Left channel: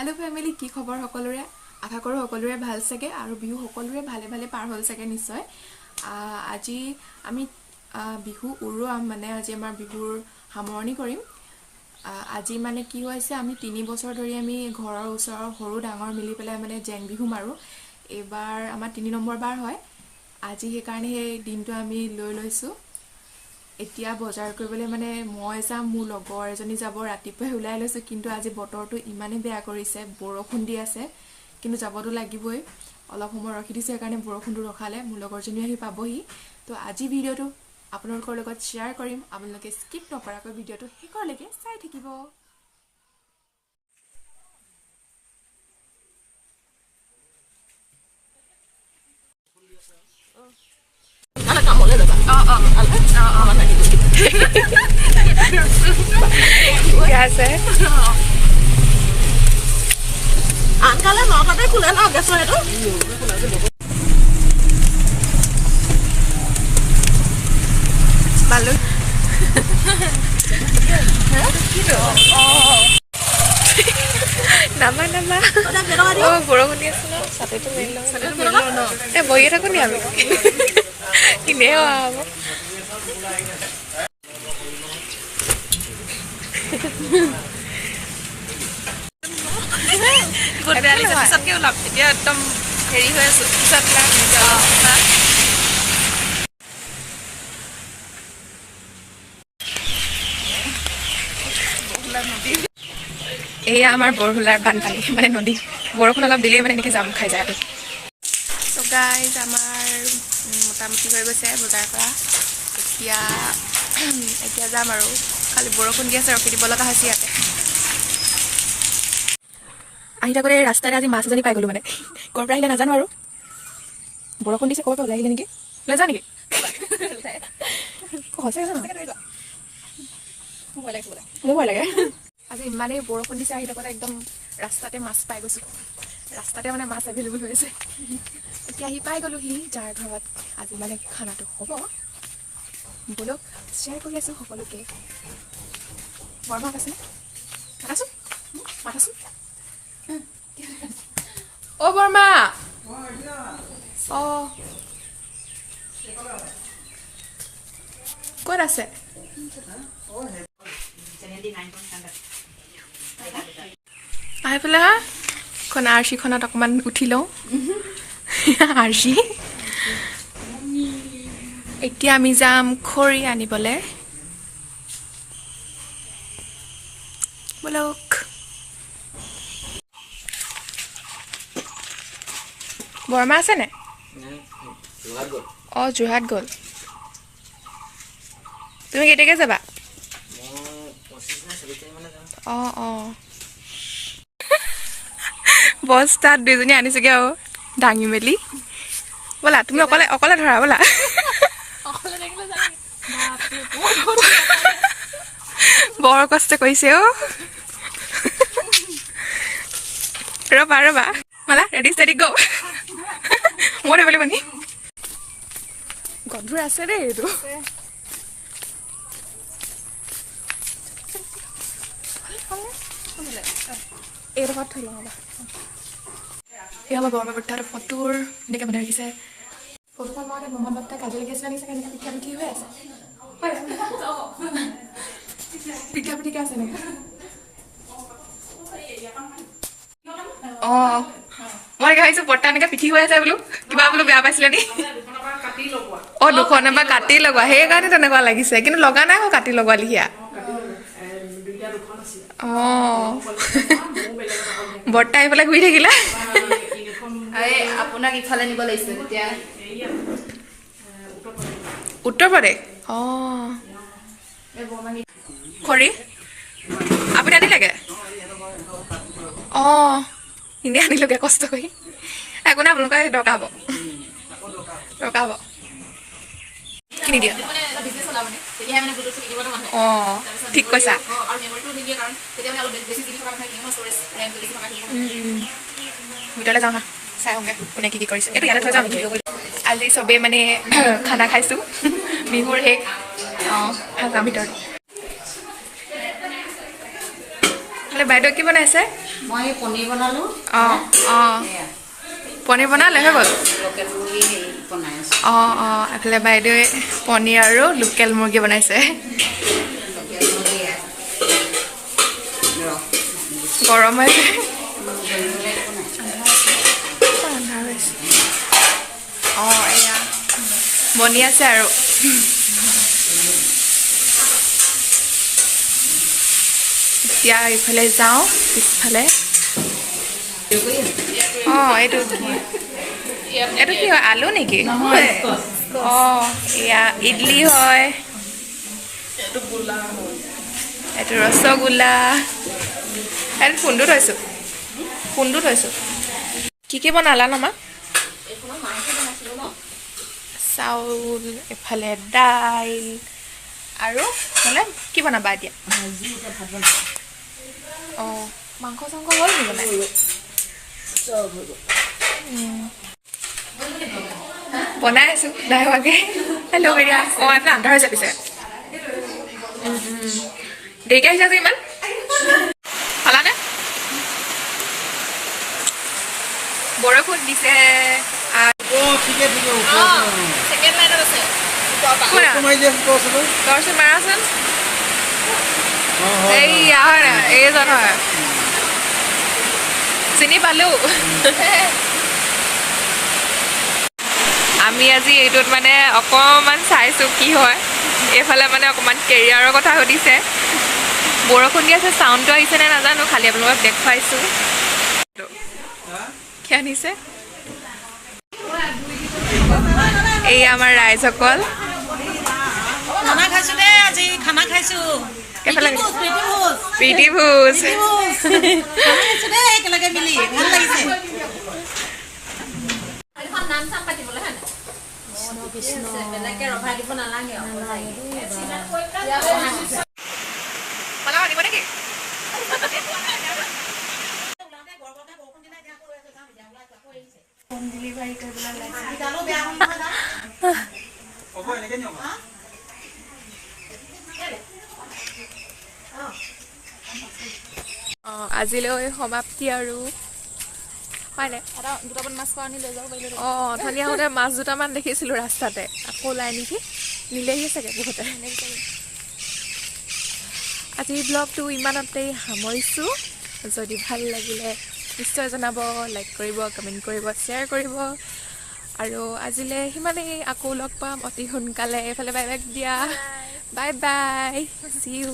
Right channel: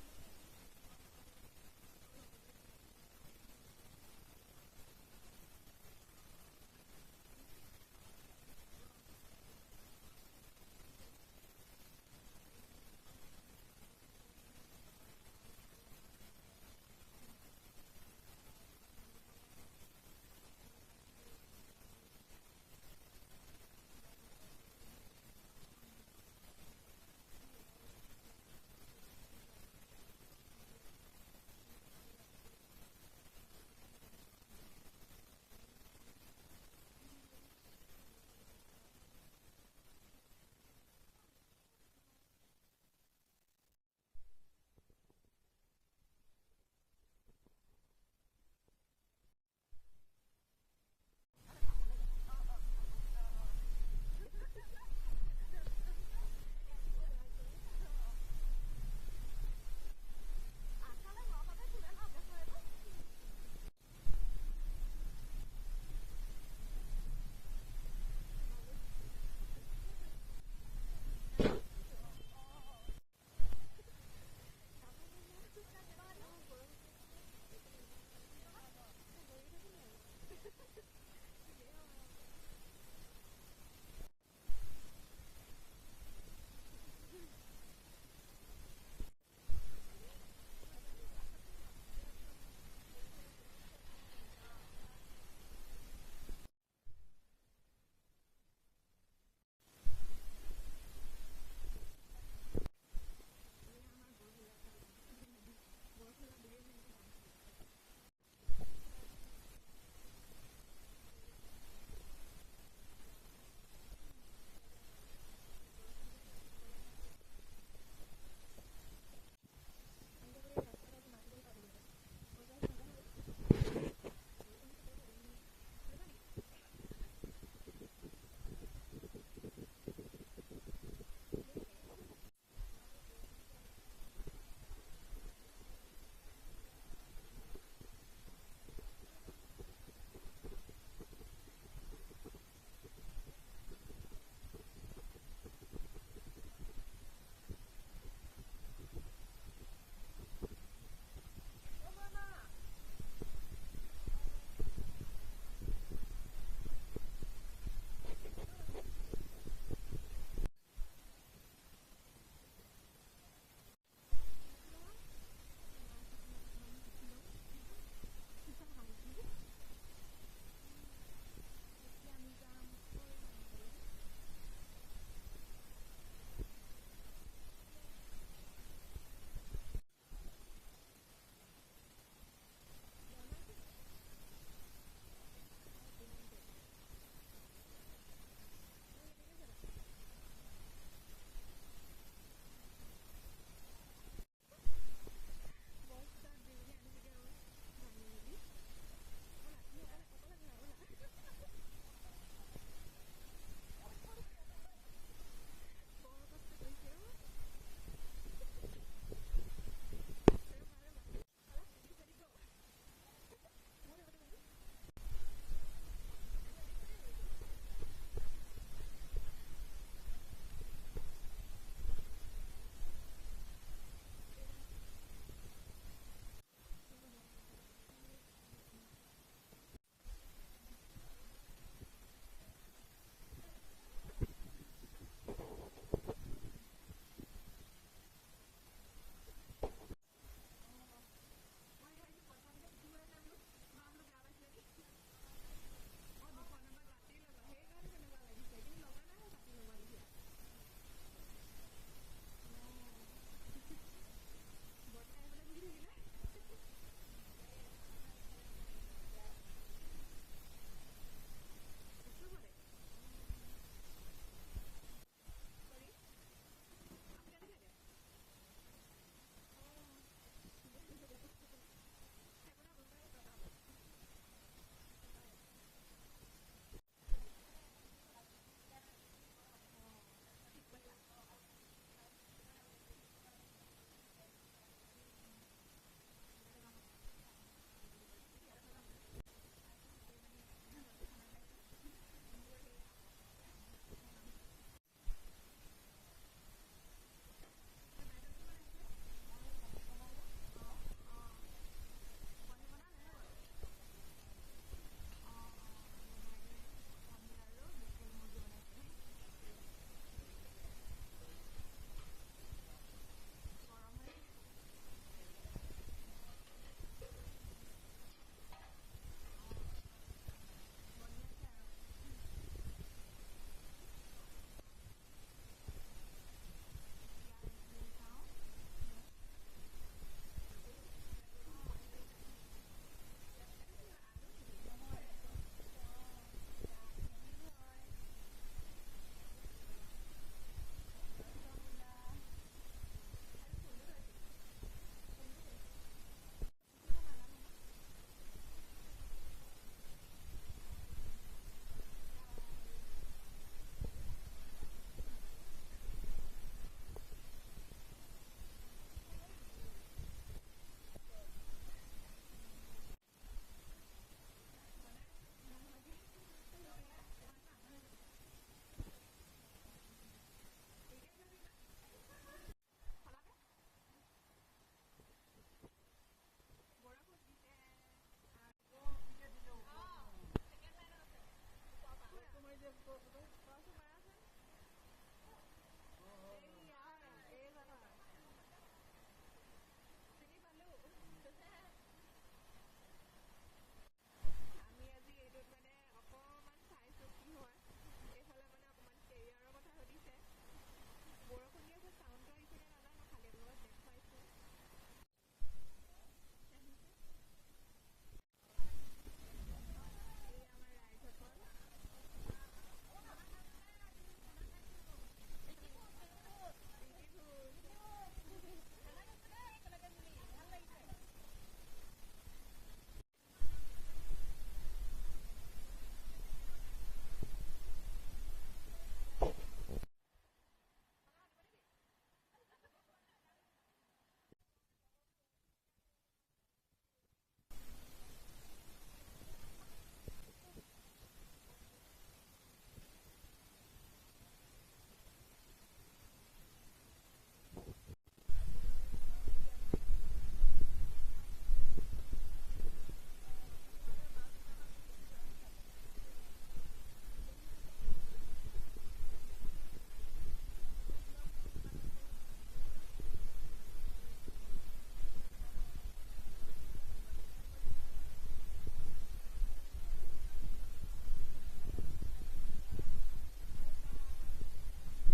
Hello family की खबर सकलोरे आशा करो सकलोरे ভাল सके और बिहु सकलोरे भाले भाले पार हल सके निश्चय আজি আমি बिहु उरुआम माने আজি आमार बिहुर सामरणी करिम আজি माने की होइसे आमी 3 बছर धरि आमी घৰৰ ওচৰৰ সৰু ডাঙৰ মিলি পেলাই মানে জেং বিহু মাৰো এবাৰ আমাৰ 3 নম্বৰ বাৰ হয় আজি हे কাৰণে এই দিনটো আমি লৈ লৈছো এতিয়া বজাৰ কৰিবলৈ মানে মই যাম মোৰ লগৰ এজনী যাব ৰাতিপুৱাই ওলাই লৈছো কিন্তু আজি বতৰটো ইমানে বেয়া কৰিছে বৰষুণ দি আছে কিন্তু যাবতো লাগিবই অলপ সময় ৰখি দিছে কাৰণে বৰষুণটো ৰখালে মোৰ লগৰজনী আহি পাবহি তো আজি ভিডিওটো আপোনালোকৰ লগত শেয়াৰ কৰিম আপোনালোকে স্কিপ নকৰাকৈ ভিডিওটো শেষলৈকে চাই থাকিব Anak kamu le dapat. Biasa. Angkala no kate kulen age so itu. Malu. Nama. Oh, borong dia sana. Satu itu melo. Boy aku ni abi. Ini apa? Good value सब के उलाप dia एकदम हेरी হৈ আছে सब ला এয়া আমাৰ বৰহুলাৰ বানপানী মানে নদী বৰষুণ অলপ দিলে মানে এনেকৈ জাম খাই যায় আৰু সো গাইজ আমাৰ মোটামুটি হৈ গৈছে বজাৰ কৰা এতিয়া যাম আৰু খালি বৰষুণ দি আছে ৰখি দিব লগা হৈছে ইয়াতে আহি থাকোঁতে ৰাস্তাৰে আজি মাছ এজনী পাই গ'লো মানে ক'ৰ পৰা আহিলে নাজানো আৰু বৰষুণ দিছে ক'ৰ পৰা ওলাই আহিলে নেকি লৈ যা নেকি সঁচাই মোৰ ভয় লাগে আজি ইমানেই বৰষুণ দিছে আহি থাকোঁতে একদম ৰাস্তাতে মাছ পাই গৈছোঁ ৰাস্তাতে মানে মাছ এভেইলেবল হৈ আছে এতিয়া আহি পাই গ'লোহি যাৰ ঘৰত আজি মানে খানাটো হ'ব বলক শ্বেয়াৰ কৰি আছোঁ সকলোকে বৰমাত আছেনে মাতাচোন অ' বৰমা অঁ ক'ত আছে আহি পেলাই হা খন আৰচিখনত অকণমান উঠি লওঁ আৰচি এতিয়া আমি যাম খৰি আনিবলৈ বলক বৰমা আছেনে অঁ যোৰহাট গ'ল তুমি কেতিয়াকৈ যাবা অঁ বস্তাত দুজনী আনিছোগে আৰু দাঙি মেলি ব'লা তুমি অকলে ধৰা ব'লা বৰ কষ্ট কৰিছে অ' ৰবা মালা ৰেডি ষ্টেডি গ' মই ধৰিব লাগিব নি গধুৰ আছে দেই এইটো এইডোখৰত থৈ লওঁ ৰ'বা এই আমাৰ বৰমা বৰ্তাহঁতৰ ফটোৰ এনেকৈ বনাই ৰাখিছে ফটোখন মই বৰমা বৰ্তা কাজি লাগি আছে লাগিছে এনেকৈ পিঠা পিঠি হৈ আছে পিঠা পিঠিকে আছে এনেকৈ অঁ মই ভাবিছোঁ বৰ্তা এনেকৈ পিঠি হৈ আছে বোলো কিবা বোলো বেয়া পাইছিলে নি অঁ দুখনে বা কাটি লগোৱা সেইকাৰণে তেনেকুৱা লাগিছে কিন্তু লগা নাই আকৌ কাটি লগোৱা লিখীয়া অঁ বৰ্তা এইফালে ঘূৰি থাকিলে আপোনাক ইফালে নিব লাগিছিল তেতিয়া উত্তৰ প্ৰদেশ অঁ খৰি আপুনি আনিলেগে অঁ এনেই আনিলোগে কষ্ট কৰি একো নাই আপোনালোকে দৰকাৰ হ'ব কিনি দিয়া অঁ ঠিক কৈছা ভিতৰলৈ যাওঁ না চাই আহোঁগৈ কোনে কি কৰিছে এইটো ইয়াতে থৈ যাওঁ আজি চবেই মানে খানা খাইছোঁ বিহুৰ শেষ অঁ যাওঁ ভিতৰত এইফালে বাইদেউ কি বনাইছে? মই পনীৰ বনালোঁ। অঁ অঁ পনীৰ বনালে হৈ গ'ল। লোকেল মুৰ্গী বনাই আছোঁ। অঁ অঁ এইফালে বাইদেৱে পনীৰ আৰু লোকেল মুৰ্গী বনাইছে। লোকেল মুৰ্গী গৰম হৈছে। অঁ এয়া বনি আছে আৰু এতিয়া ইফালে যাওঁ পিছফালে। অঁ এইটো কি হয় আলু নেকি? অঁ এয়া ইডলি হয়, এইটো ৰসগোল্লা, এইটো খুন্দু থৈছোঁ। কি বনালা নমা? চাউল, এফালে দাইল আৰু হ'লে কি বনাবা এতিয়া? অঁ মাংস চাংস হ'ল নি বনাই? বনাই আছোঁ নাই হোৱাকৈ। হেল্ল' বেৰিয়া। অঁ এইফালে আন্ধাৰ হৈছে পিছে। দেৰিকৈ আহিছা যে ইমান? খালানে? বৰষুণ দিছে। ছেকেণ্ড লাইনত আছে দৰ্শন মাৰাচোন। এইয়া হয় নাই এইজন হয়, চিনি পালোঁ। আমি আজি এইটোত মানে অকণমান চাইছোঁ কি হয়। এইফালে মানে অকণমান কেৰিয়াৰৰ কথা সুধিছে। বৰষুণ দি আছে, চাউণ্ডটো আহিছেনে নাজানো, খালি আপোনালোকক দেখুৱাইছোঁ। কি আনিছে? এই আমাৰ ৰাইজসকল খানা খাইছোঁ দেই, আজি খানা খাইছোঁ। কেইফালে প্ৰীতি ভোজ খানা খাইছোঁ দেই একেলগে মিলি, ভাল লাগিছে। নাম চাম পাতিবলৈ হয় নাই? বেলেগকে ৰভাই দিব নালাগে দিব নেকি? হোম ডেলিভাৰী কৰিবলৈ অঁ আজিলৈ সমাপ্তি আৰু হয়নে? দুটামান মাছ খোৱা আনি লৈ যাব পাৰিলোঁ। অঁ ধুনীয়া আহোঁতে মাছ দুটামান দেখিছিলোঁ ৰাস্তাতে, আকৌ ওলাই নেকি নিলেহি চাগে বহুতে। আজিৰ ব্লগটো ইমানতেই সামৰিছোঁ। যদি ভাল লাগিলে নিশ্চয় জনাব, লাইক কৰিব, কমেণ্ট কৰিব, শ্বেয়াৰ কৰিব। আৰু আজিলৈ সিমানেই, আকৌ লগ পাম অতি সোনকালে। এইফালে বাই বাই দিয়া। Bye bye, see U.